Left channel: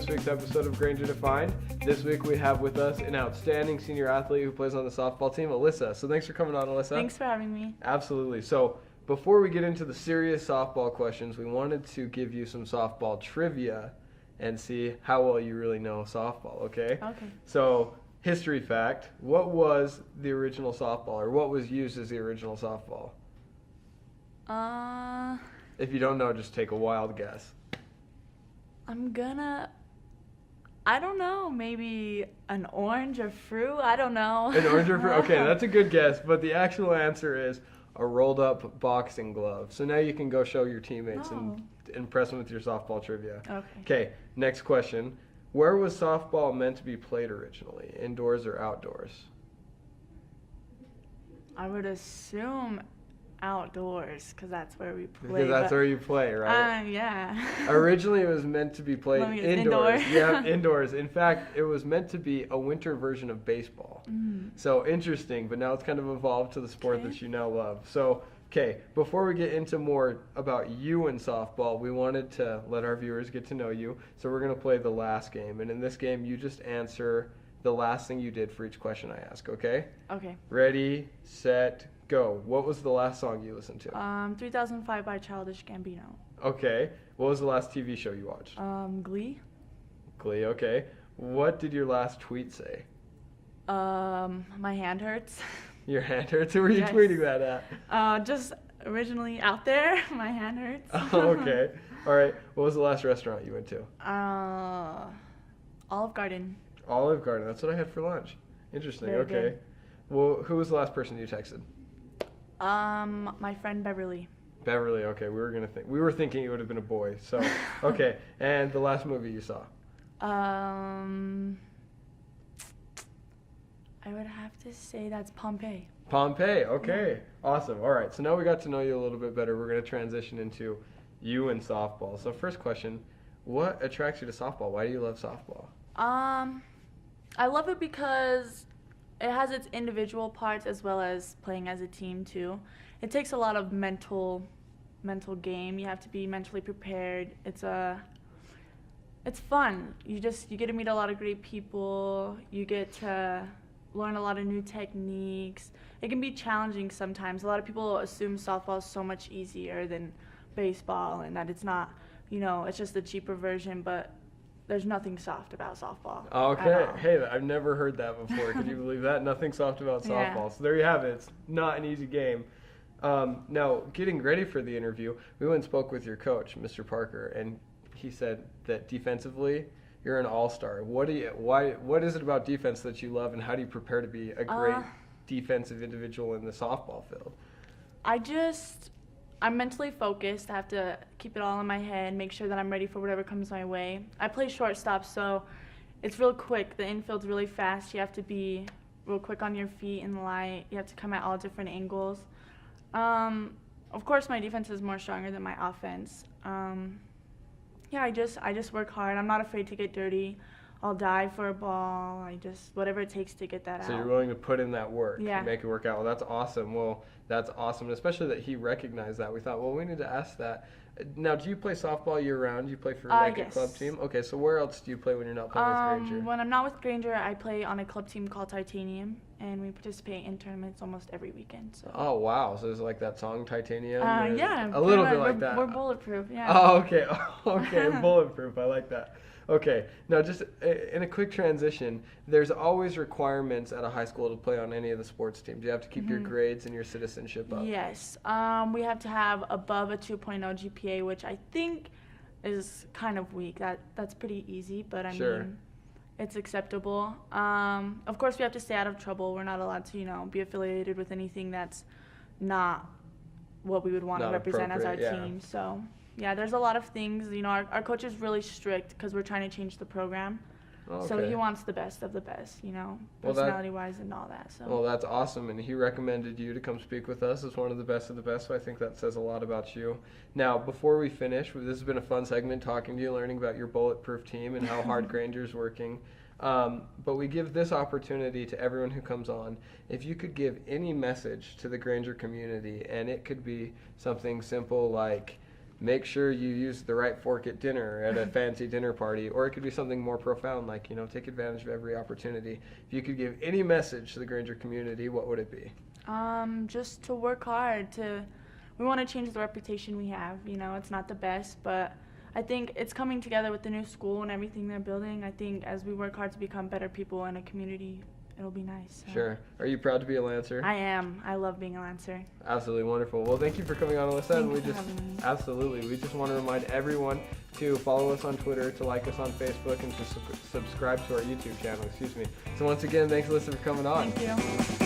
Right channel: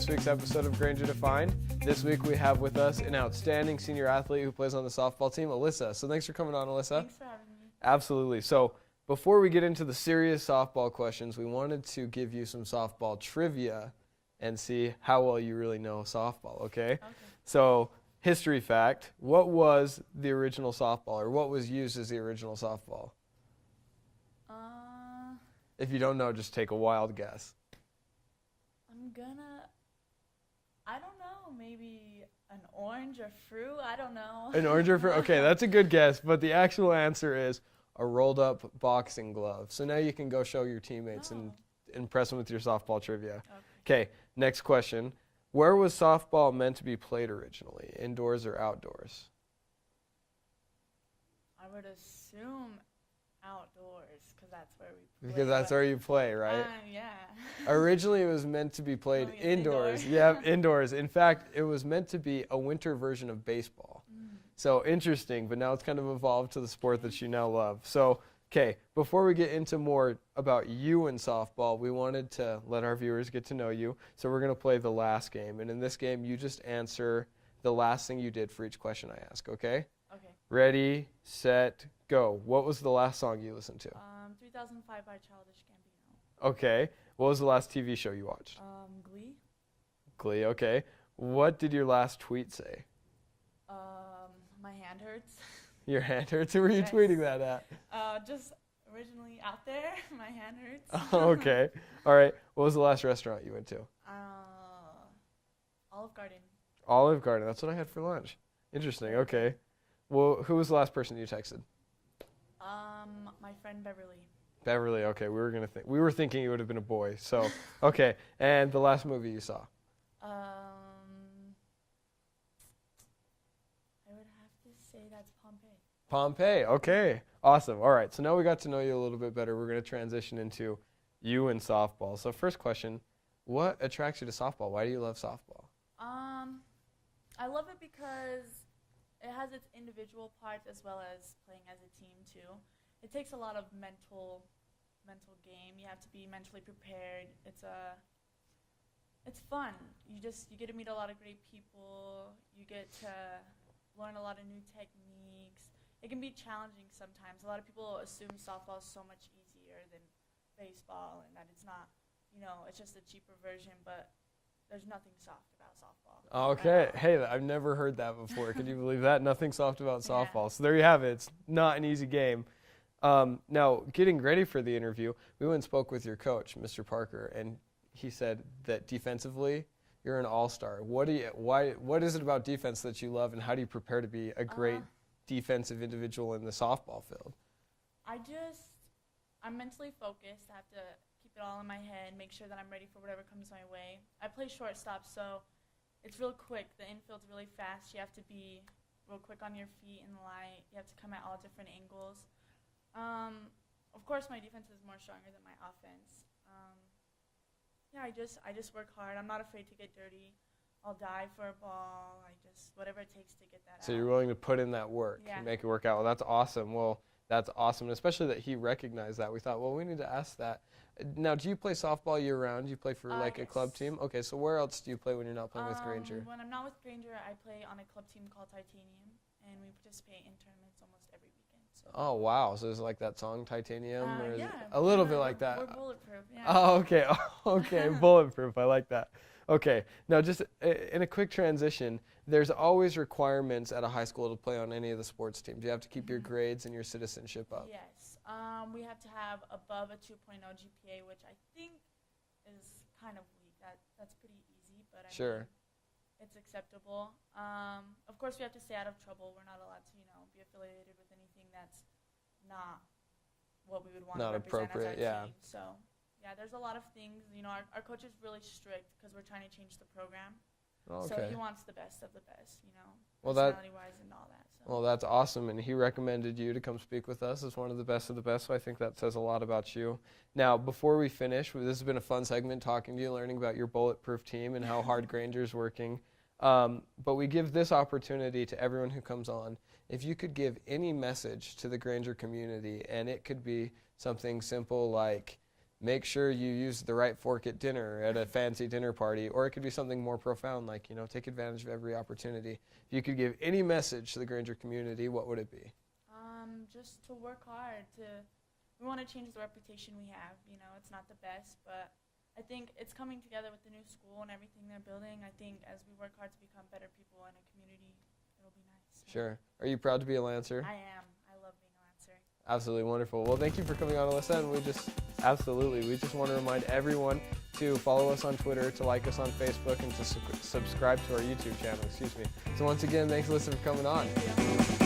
this week's episode of Granger Defined. This week we have with us an outstanding senior athlete who plays on the softball team, Ylessa. So thanks for coming on, Ylessa. Thanks for having me. Absolutely. So before we get into the serious softball questions, we wanted to give you some softball trivia and see how well you really know softball, okay? Okay. So, history fact, what was the original softball, or what was used as the original softball? If you don't know, just take a wild guess. I don't know, maybe an orange or fruit, I don't know. An orange or fruit? Okay, that's a good guess, but the actual answer is a rolled up boxing glove. So now you can go show your teammates and impress them with your softball trivia. Okay, next question. Where was softball meant to be played originally, indoors or outdoors? I would assume outdoors, because that's where we play. Because that's where you play, right? Yeah. Originally, it was meant to be played indoors. Yeah, indoors. In fact, it was meant to be a winter version of baseball. So interesting, but now it's kind of evolved to the sport that you now love. So, okay, before we get into more about you and softball, we wanted to let our viewers get to know you. So we're going to play the last game. And in this game, you just answer the last thing you did for each question I ask, okay? Okay. Ready, set, go. What was the last song you listened to? 3005 by Childish Gambino. Okay. What was the last TV show you watched? Glee. Glee, okay. What did your last tweet say? My hand hurts. Your hand hurts? Who were you tweeting that at? Just originally out there. My hand hurts. Oh, okay. All right. What was the last restaurant you went to? Olive Garden. Olive Garden. That's what I had for lunch. Interesting. Very okay. Good. Well, who was the last person you texted? My friend Beverly. Beverly. Okay. We were thinking it would have been a boy. So, okay. And the last movie you saw? I would have to say that's Pompeii. Pompeii. Okay. Awesome. All right. So now we got to know you a little bit better. We're going to transition into you and softball. So first question, what attracts you to softball? Why do you love softball? I love it because it has its individual parts as well as playing as a team too. It takes a lot of mental game. You have to be mentally prepared. It's fun. You get to meet a lot of great people. You get to learn a lot of new techniques. It can be challenging sometimes. A lot of people assume softball is so much easier than baseball and that it's not, it's just a cheaper version, but there's nothing soft about softball. Okay. Hey, I've never heard that before. Can you believe that? Nothing soft about softball. Yeah. So there you have it. It's not an easy game. Now, getting ready for the interview, we went and spoke with your coach, Mr. Parker, and he said that defensively, you're an all-star. What is it about defense that you love, and how do you prepare to be a great defensive individual in the softball field? I'm mentally focused. I have to keep it all in my head, make sure that I'm ready for whatever comes my way. I play shortstop, so it's real quick. The infield's really fast. You have to be real quick on your feet and light. You have to come at all different angles. Of course, my defense is more stronger than my offense. I just work hard. I'm not afraid to get dirty. I'll dive for a ball. Whatever it takes to get that out. So you're willing to put in that work and make it work out. Well, that's awesome. That's awesome, and especially that he recognized that. We thought, well, we need to ask that. Now, do you play softball year-round? Do you play for a club team? Okay, so where else do you play when you're not playing with Granger? When I'm not with Granger, I play on a club team called Titanium, and we participate in tournaments almost every weekend. So. Oh, wow. So is it like that song, Titanium? Yeah. A little bit like that. We're bulletproof, yeah. Oh, okay. Okay, bulletproof. I like that. Okay, now just in a quick transition, there's always requirements at a high school to play on any of the sports teams. You have to keep your grades and your citizenship up. Yes, we have to have above a 2.0 GPA, which I think is kind of weak. That's pretty easy, but I mean, it's acceptable. Of course, we have to stay out of trouble. We're not allowed to, be affiliated with anything that's not what we would want to represent as our team. So. Yeah, there's a lot of things. Our coach is really strict because we're trying to change the program. Okay. So he wants the best of the best, personality-wise and all that. So. Well, that's awesome, and he recommended you to come speak with us as one of the best of the best, so I think that says a lot about you. Now, before we finish, this has been a fun segment talking to you, learning about your bulletproof team and how hard Granger's working. But we give this opportunity to everyone who comes on. If you could give any message to the Granger community, and it could be something simple like, make sure you use the right fork at dinner, at a fancy dinner party, or it could be something more profound, like, take advantage of every opportunity. If you could give any message to the Granger community, what would it be? Just to work hard. We want to change the reputation we have. It's not the best, but I think it's coming together with the new school and everything they're building. I think as we work hard to become better people in a community, it'll be nice. So. Sure. Are you proud to be a Lancer? I am. I love being a Lancer. Absolutely wonderful. Well, thank you for coming on, Ylessa. And we just want to remind everyone to follow us on Twitter, to like us on Facebook, and to subscribe to our YouTube channel. So once again, thanks, Ylessa, for coming on. Thank you.